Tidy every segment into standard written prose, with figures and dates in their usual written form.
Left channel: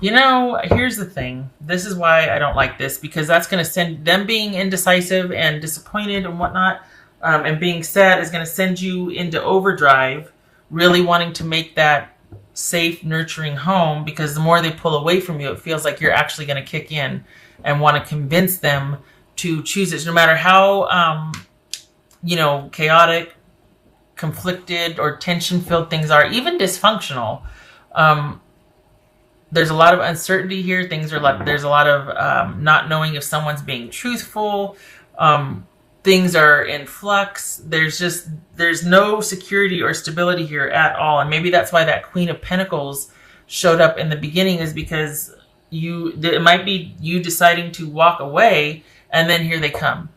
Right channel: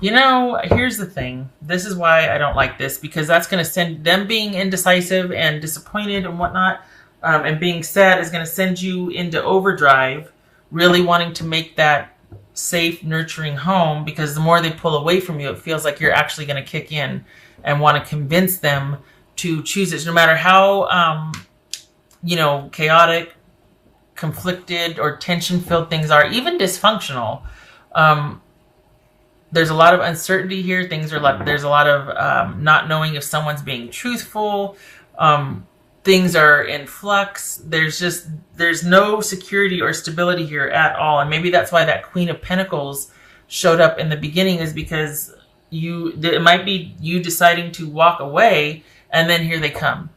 Here's the thing. This is why I don't like this, because that's going to send them being indecisive and disappointed and whatnot, and being sad is going to send you into overdrive, really wanting to make that safe, nurturing home, because the more they pull away from you, it feels like you're actually going to kick in and want to convince them to choose it, no matter how, chaotic, conflicted, or tension-filled things are, even dysfunctional. There's a lot of uncertainty here. There's a lot of not knowing if someone's being truthful. Things are in flux. There's no security or stability here at all. And maybe that's why that Queen of Pentacles showed up in the beginning, is because it might be you deciding to walk away and then here they come.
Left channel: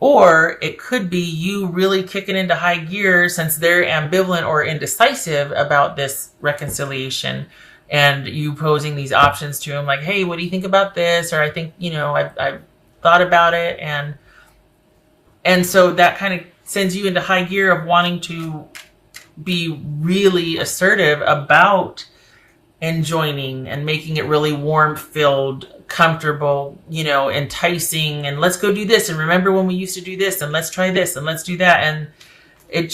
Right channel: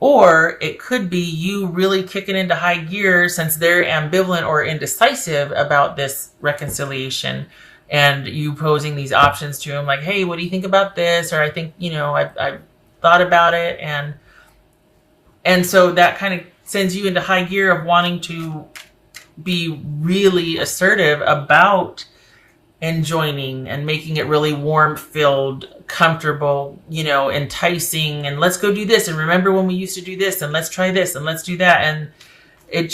Or it could be you really kicking into high gear since they're ambivalent or indecisive about this reconciliation, and you posing these options to him like, hey, what do you think about this? Or I think, I've thought about it. And so that kind of sends you into high gear of wanting to be really assertive about enjoining and making it really warm-filled, comfortable, enticing, and let's go do this, and remember when we used to do this, and let's try this, and let's do that. And it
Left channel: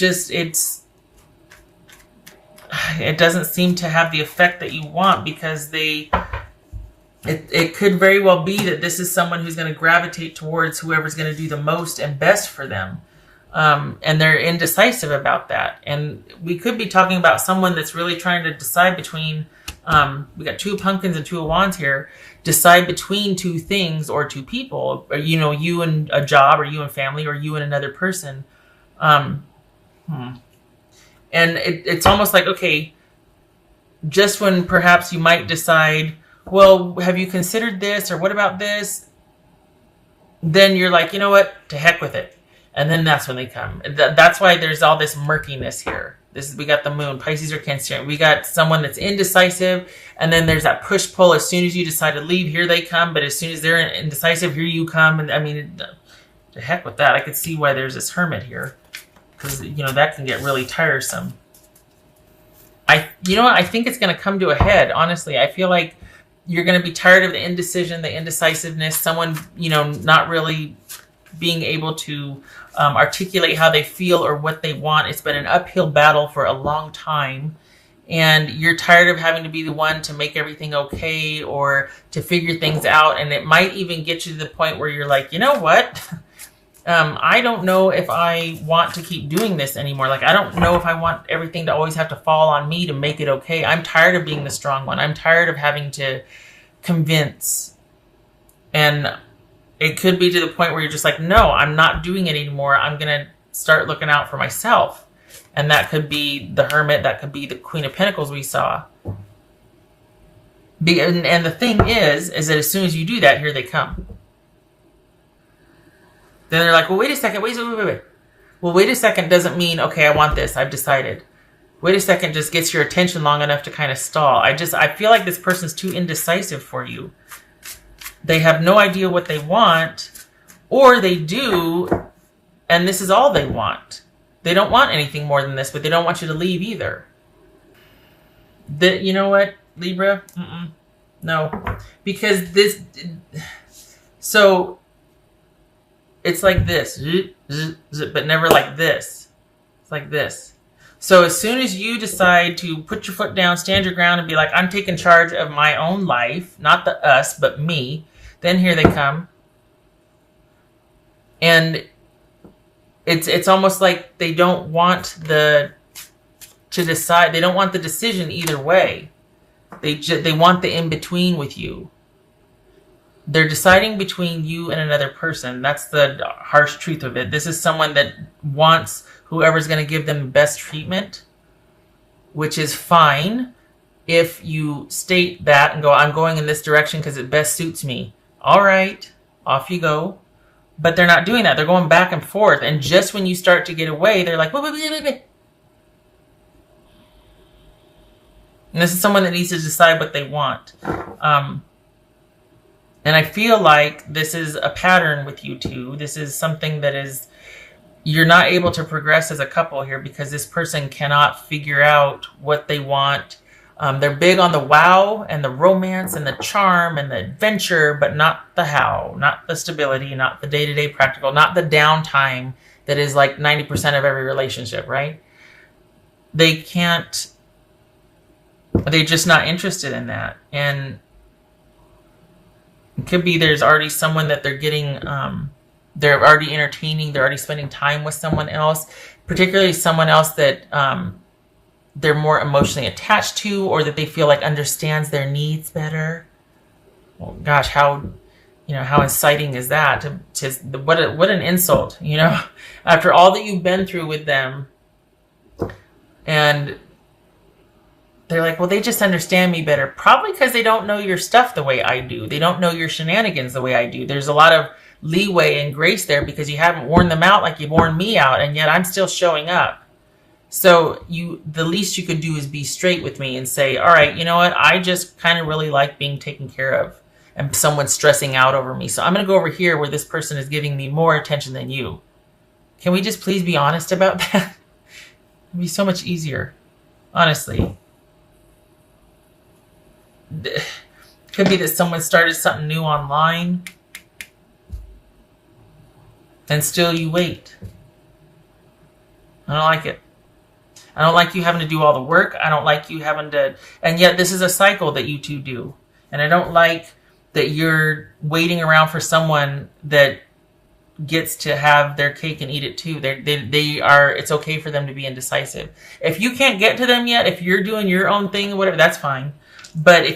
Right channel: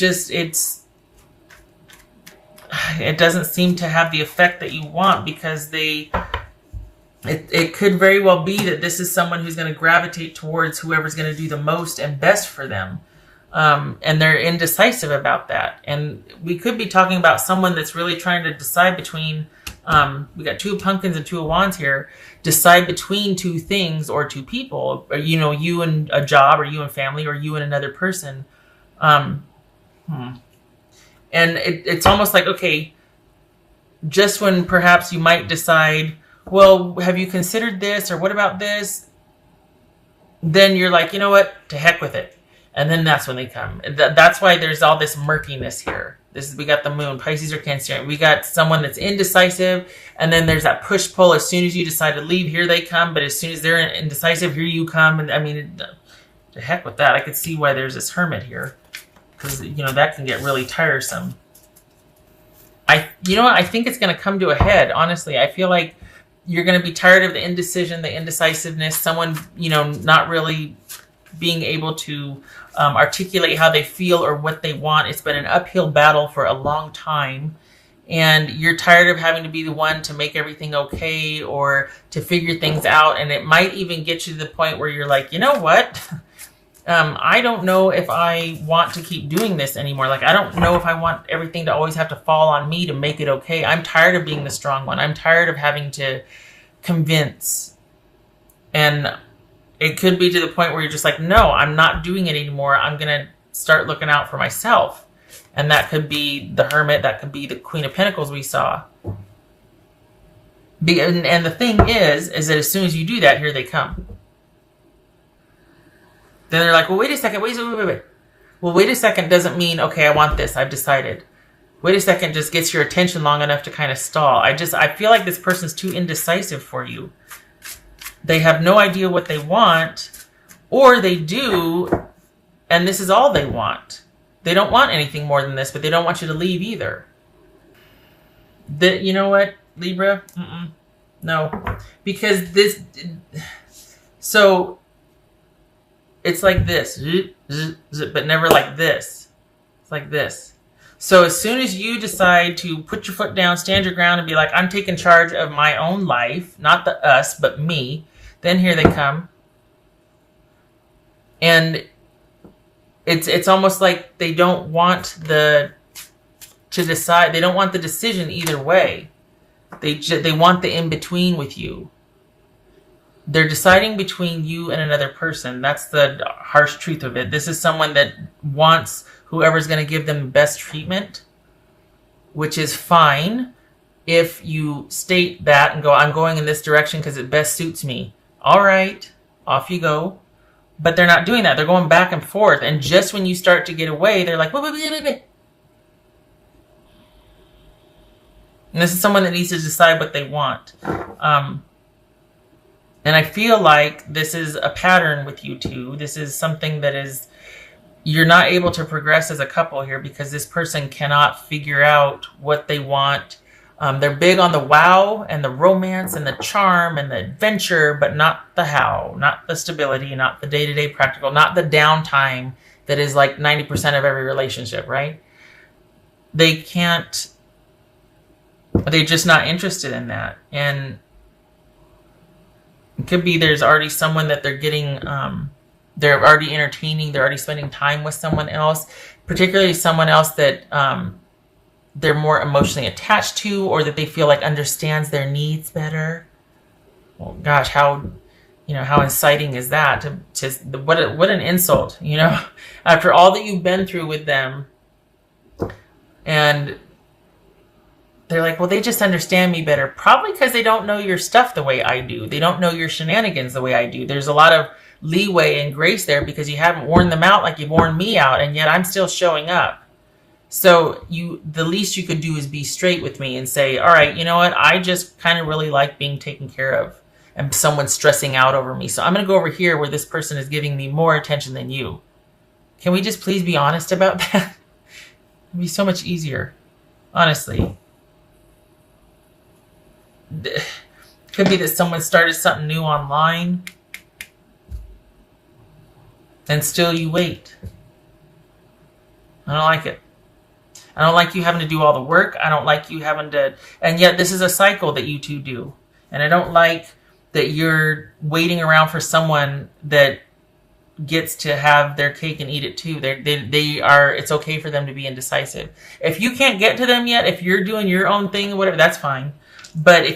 doesn't seem to have the effect that you want, because it could very well be that this is someone who's going to gravitate towards whoever's going to do the most and best for them. And they're indecisive about that. And we could be talking about someone that's really trying to decide between, we got 2 pumpkins and 2 of wands here, decide between 2 things or 2 people, or, you and a job, or you and family, or you and another person. And it's almost like, okay, just when perhaps you might decide, well, have you considered this, or what about this? Then you're like, you know what, to heck with it. And then that's when they come. That's why there's all this murkiness here. We got the moon, Pisces or Cancer. We got someone that's indecisive, and then there's that push-pull. As soon as you decide to leave, here they come. But as soon as they're indecisive, here you come. And I mean, to heck with that. I could see why there's this hermit here, because that can get really tiresome. I think it's going to come to a head. Honestly, I feel like you're going to be tired of the indecision, the indecisiveness. Someone not really being able to articulate how they feel or what they want. It's been an uphill battle for a long time, and you're tired of having to be the one to make everything okay or to figure things out. And it might even get you to the point where you're like, you know what? I don't know if I want to keep doing this anymore. Like, I don't know if I want everything to always have to fall on me to make it okay. I'm tired of being the strong one. I'm tired of having to convince. And it could be to the point where you're just like, no, I'm not doing it anymore. I'm going to start looking out for myself. And that could be the hermit. That could be the Queen of Pentacles we saw. And the thing is that as soon as you do that, here they come. Then they're like, well, wait a second. Wait. Well, wait a second doesn't mean, okay, I want this. I've decided. Wait a second just gets your attention long enough to kind of stall. I feel like this person's too indecisive for you. They have no idea what they want, or they do, and this is all they want. They don't want anything more than this, but they don't want you to leave either. You know what, Libra? No. Because so it's like this, but never like this. Like this. So as soon as you decide to put your foot down, stand your ground, and be like, I'm taking charge of my own life, not the us, but me, then here they come. And it's almost like they don't want to decide. They don't want the decision either way. They want the in-between with you. They're deciding between you and another person. That's the harsh truth of it. This is someone that wants whoever's going to give them best treatment, which is fine if you state that and go, I'm going in this direction because it best suits me. All right, off you go. But they're not doing that. They're going back and forth. And just when you start to get away, they're like, and this is someone that needs to decide what they want. And I feel like this is a pattern with you two. This is something that is, you're not able to progress as a couple here because this person cannot figure out what they want. They're big on the wow and the romance and the charm and the adventure, but not the how, not the stability, not the day-to-day practical, not the downtime that is like 90% of every relationship, right? They can't, they're just not interested in that. And it could be there's already someone that they're getting, they're already entertaining, they're already spending time with someone else, particularly someone else that they're more emotionally attached to, or that they feel like understands their needs better. Well, gosh, how inciting is that? What an insult, after all that you've been through with them, and they're like, well, they just understand me better. Probably because they don't know your stuff the way I do. They don't know your shenanigans the way I do. There's a lot of leeway and grace there because you haven't worn them out like you've worn me out, and yet I'm still showing up. So the least you could do is be straight with me and say, all right, you know what? I just kind of really like being taken care of, and someone's stressing out over me. So I'm going to go over here where this person is giving me more attention than you. Can we just please be honest about that? It'd be so much easier, honestly. Could be that someone started something new online and still you wait. I don't like it. I don't like you having to do all the work. I don't like you having to, and yet this is a cycle that you two do. And I don't like that you're waiting around for someone that gets to have their cake and eat it too. They are, it's okay for them to be indecisive. If you can't get to them yet, if you're doing your own thing, whatever, that's fine. But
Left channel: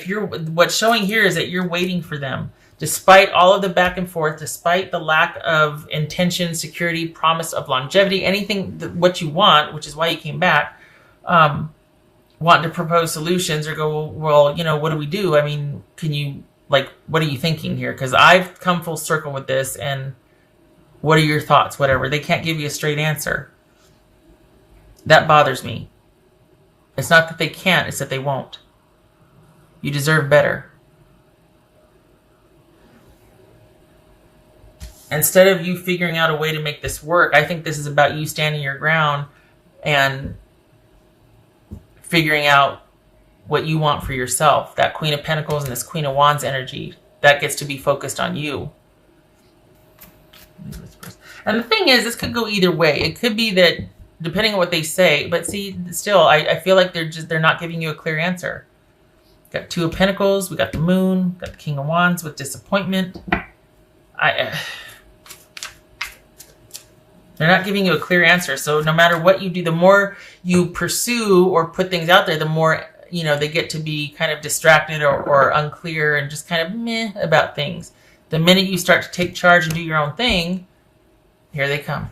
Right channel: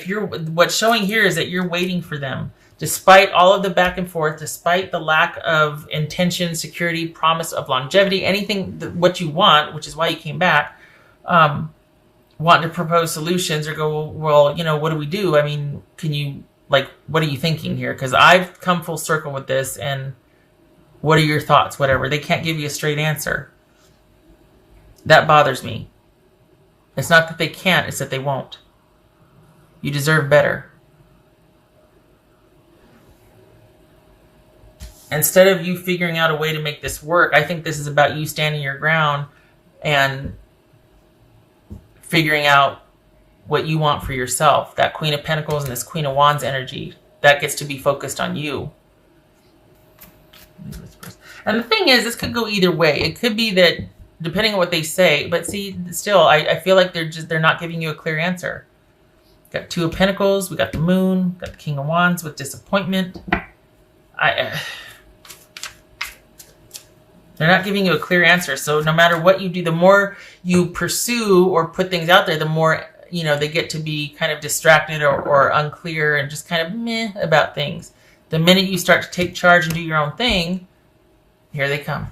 what's showing here is that you're waiting for them. Despite all of the back and forth, despite the lack of intention, security, promise of longevity, anything what you want, which is why you came back, wanting to propose solutions or go, well, what do we do? I mean, what are you thinking here? Because I've come full circle with this, and what are your thoughts? Whatever. They can't give you a straight answer. That bothers me. It's not that they can't, it's that they won't. You deserve better. Instead of you figuring out a way to make this work, I think this is about you standing your ground and figuring out what you want for yourself. That Queen of Pentacles and this Queen of Wands energy, that gets to be focused on you. And the thing is, this could go either way. It could be that, depending on what they say, but see, still, I feel like they're not giving you a clear answer. Got Two of Pentacles, we got the Moon, got the King of Wands with disappointment. They're not giving you a clear answer. So no matter what you do, the more you pursue or put things out there, the more, they get to be kind of distracted or unclear and just kind of meh about things. The minute you start to take charge and do your own thing, here they come.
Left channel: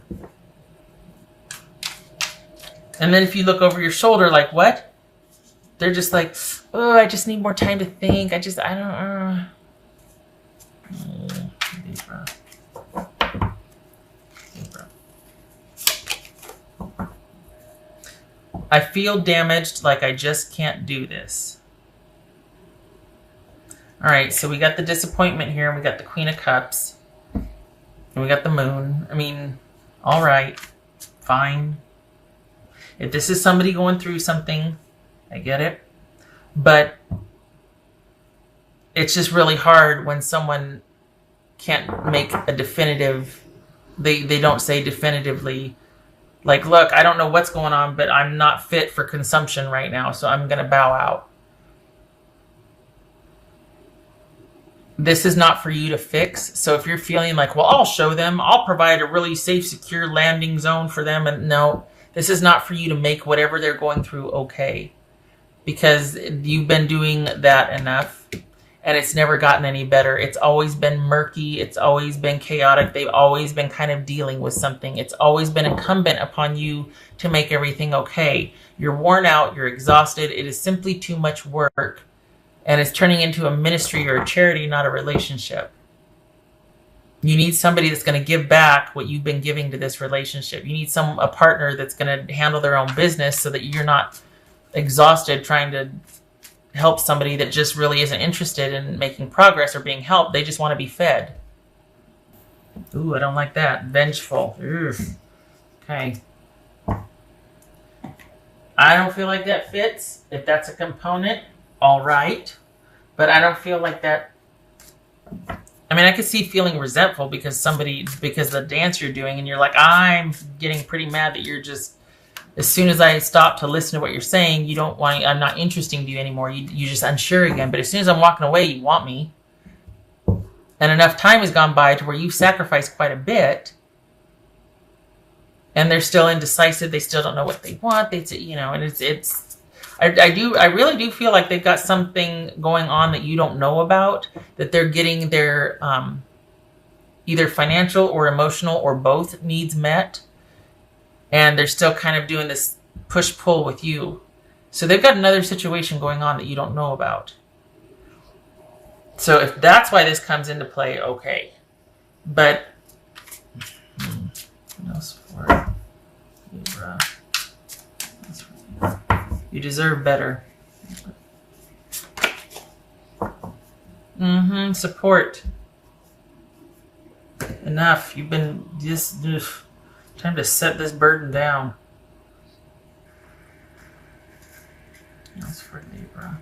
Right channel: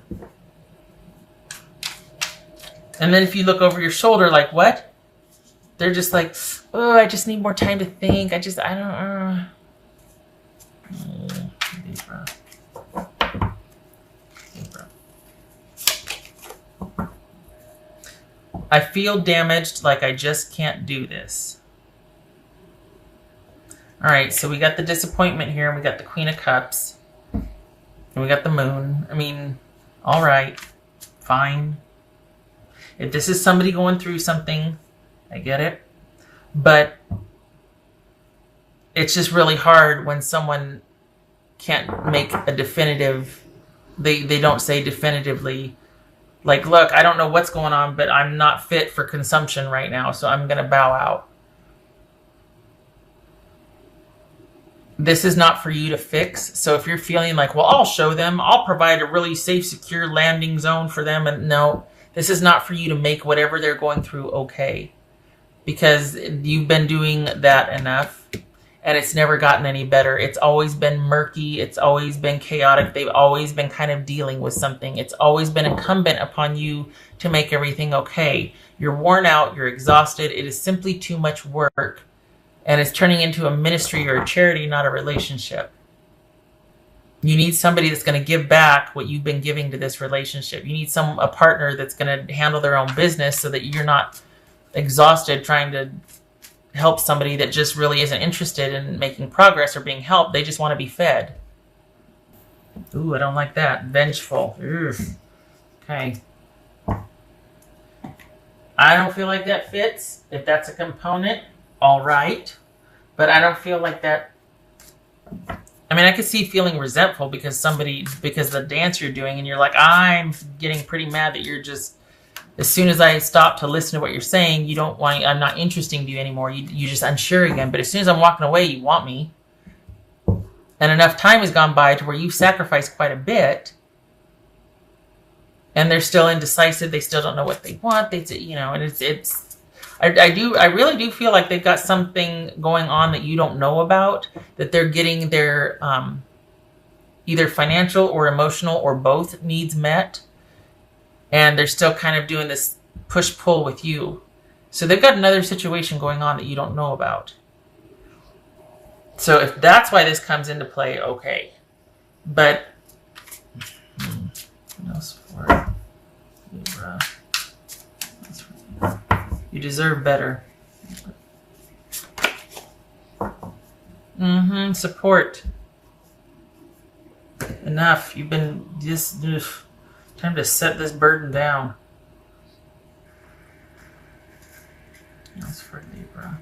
And then if you look over your shoulder, like, what? They're just like, oh, I just need more time to think. I don't. Libra. I feel damaged, like I just can't do this. All right, so we got the disappointment here, and we got the Queen of Cups, and we got the Moon. I mean, all right, fine. If this is somebody going through something, I get it. But it's just really hard when someone can't make a definitive, they don't say definitively, like, look, I don't know what's going on, but I'm not fit for consumption right now, so I'm going to bow out. This is not for you to fix. So if you're feeling like, well, I'll show them, I'll provide a really safe, secure landing zone for them. And no, this is not for you to make whatever they're going through okay. Because you've been doing that enough. And it's never gotten any better. It's always been murky. It's always been chaotic. They've always been kind of dealing with something. It's always been incumbent upon you to make everything okay. You're worn out. You're exhausted. It is simply too much work. And it's turning into a ministry or a charity, not a relationship. You need somebody that's going to give back what you've been giving to this relationship. You need a partner that's going to handle their own business so that you're not exhausted trying to help somebody that just really isn't interested in making progress or being helped. They just want to be fed. Ooh, I don't like that. Vengeful. Ugh. Okay. I don't feel like that fits. If that's a component, all right. But I don't feel like that. I mean, I could see feeling resentful because the dance you're doing, and you're like, I'm getting pretty mad that you're just, as soon as I stop to listen to what you're saying, I'm not interesting to you anymore. You're just unsure again. But as soon as I'm walking away, you want me. And enough time has gone by to where you've sacrificed quite a bit, and they're still indecisive. They still don't know what they want. I really do feel like they've got something going on that you don't know about, that they're getting their either financial or emotional or both needs met, and they're still kind of doing this push-pull with you. So they've got another situation going on that you don't know about. So if that's why this comes into play, okay. But what else for Libra? You deserve better. Support. Enough. You've been just time to set this burden down. What else for Libra?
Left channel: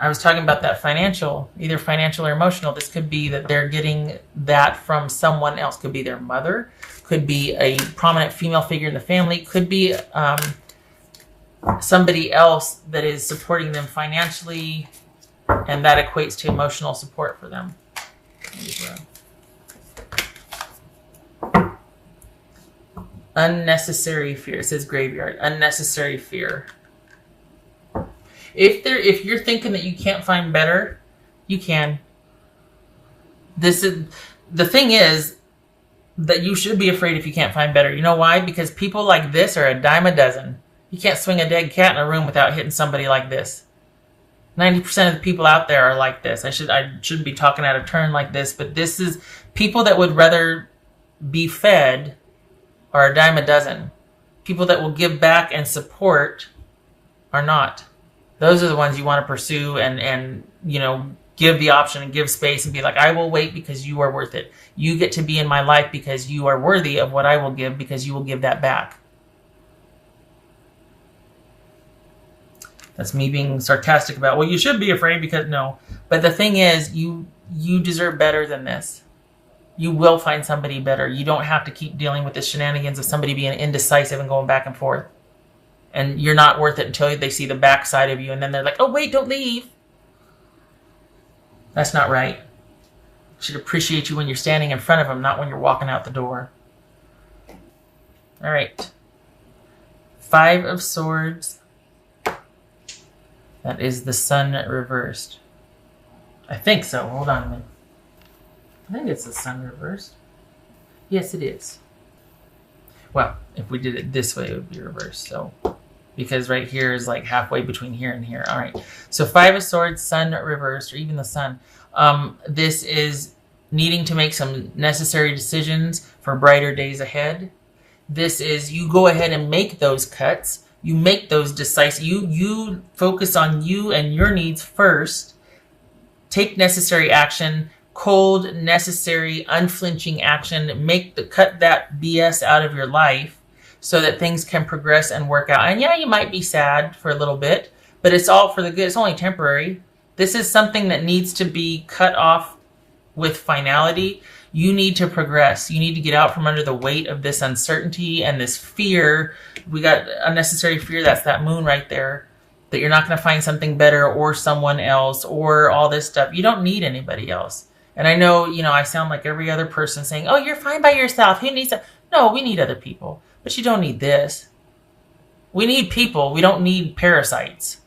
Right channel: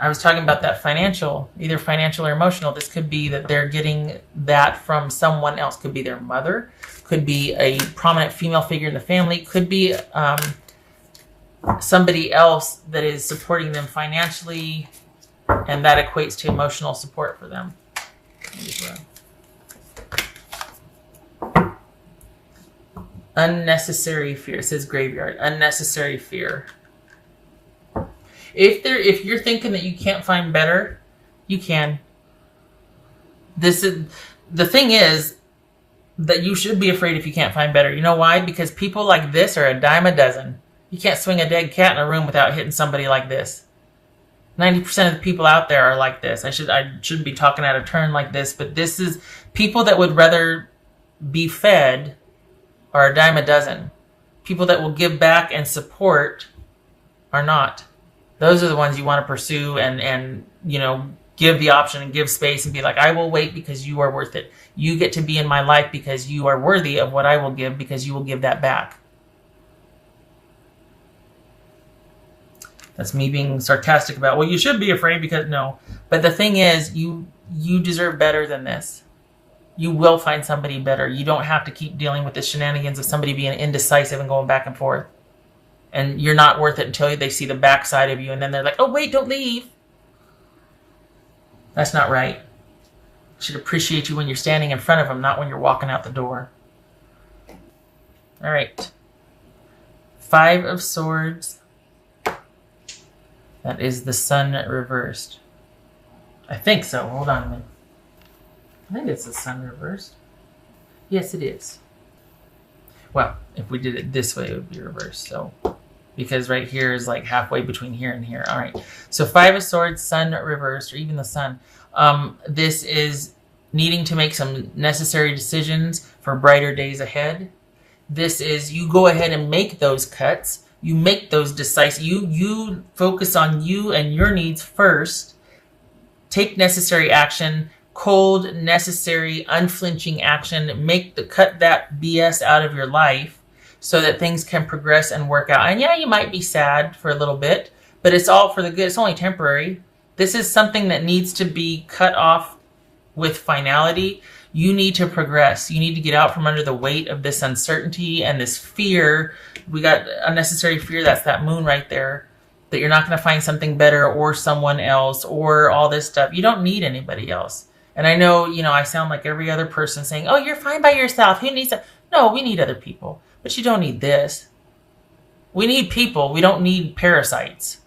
I was talking about that financial, either financial or emotional. This could be that they're getting that from someone else. Could be their mother. Could be a prominent female figure in the family. Could be somebody else that is supporting them financially, and that equates to emotional support for them. Unnecessary fear. It says graveyard. Unnecessary fear. If you're thinking that you can't find better, you can. The thing is that you should be afraid if you can't find better. You know why? Because people like this are a dime a dozen. You can't swing a dead cat in a room without hitting somebody like this. 90% of the people out there are like this. I shouldn't be talking out of turn like this, but this is people that would rather be fed are a dime a dozen. People that will give back and support are not. Those are the ones you want to pursue and give the option and give space and be like, I will wait because you are worth it. You get to be in my life because you are worthy of what I will give, because you will give that back. That's me being sarcastic about, well, you should be afraid because no. But the thing is, you deserve better than this. You will find somebody better. You don't have to keep dealing with the shenanigans of somebody being indecisive and going back and forth. And you're not worth it until they see the backside of you. And then they're like, oh, wait, don't leave. That's not right. You should appreciate you when you're standing in front of them, not when you're walking out the door. All right. 5 of Swords. That is the Sun reversed. I think so. Hold on a minute. I think it's the Sun reversed. Yes, it is. Well, if we did it this way, it would be reversed. So, because right here is like halfway between here and here. All right. So 5 of Swords, Sun reversed, or even the Sun. This is needing to make some necessary decisions for brighter days ahead. This is you go ahead and make those cuts. You make those decisive. You focus on you and your needs first. Take necessary action. Cold, necessary, unflinching action. Cut that BS out of your life so that things can progress and work out. And yeah, you might be sad for a little bit, but it's all for the good. It's only temporary. This is something that needs to be cut off with finality. You need to progress. You need to get out from under the weight of this uncertainty and this fear. We got unnecessary fear. That's that moon right there. That you're not going to find something better or someone else or all this stuff. You don't need anybody else. And I know, I sound like every other person saying, oh, you're fine by yourself. Who needs that? No, we need other people. But you don't need this. We need people. We don't need parasites.